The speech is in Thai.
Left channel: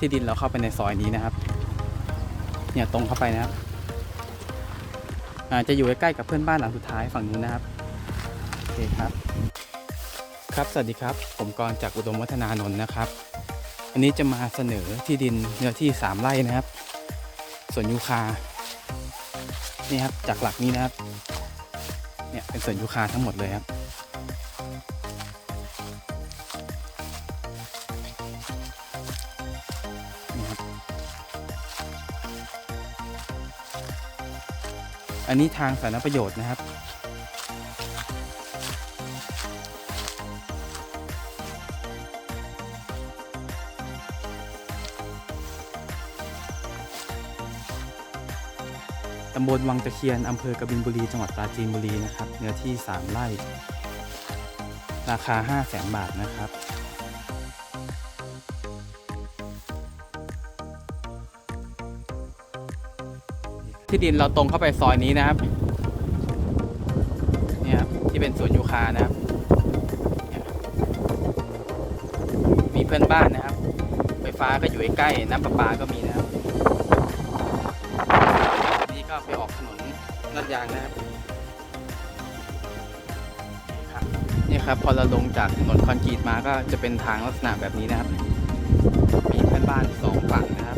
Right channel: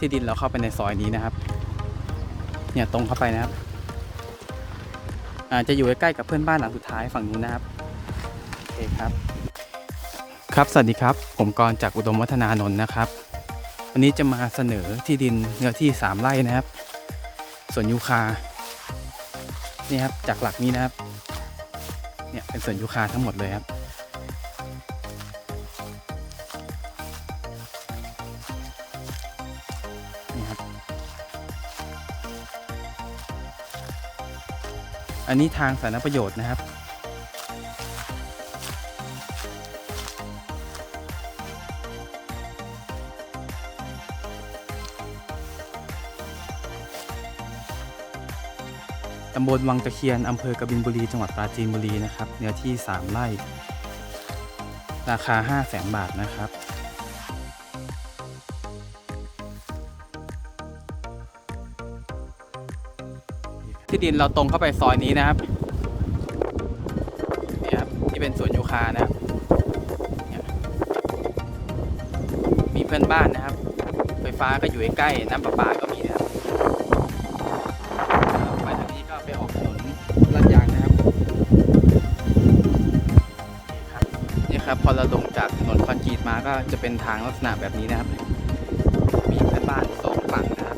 ที่ดินเราเข้าไปในซอยนี้นะครับ เนี่ยตรงเข้าไปนะครับอาจะอยู่ใกล้ๆกับเพื่อนบ้านหลังสุดท้ายฝั่งนู้นนะครับโอเคครับ ครับสวัสดีครับ ผมกรจากอุดมวัฒนานนท์นะครับวันนี้จะมาเสนอที่ดินเนื้อที่สามไร่นะครับสวนยูคานี่ครับจากหลักนี้นะครับเนี่ยเป็นสวนยูคาทั้งหมดเลยครับ อันนี้ทางสาธารณประโยชน์นะครับ ตำบลวังตะเคียน อำเภอกบินบุรี จังหวัดปราจีนบุรีนะครับ เนื้อที่ 3 ไร่ ราคา 5 0 0แสนบาทนะครับ ที่ดินเราตรงเข้าไปซอยนี้นะครับนี่ครับที่เป็นสวนยูคานะครับ มีเพื่อนบ้านนะครับ ไฟฟ้าก็อยู่ใกล้น้ำประปาก็มีนะครับนี่ก็ไปออกถนนลาดยางนะครับนี่ครับนี่ครับพอเราลงจากถนนคอนกรีตมาก็จะเป็นทางลักษณะแบบนี้นะครับ มีเพื่อนบ้านสองฝั่งนะ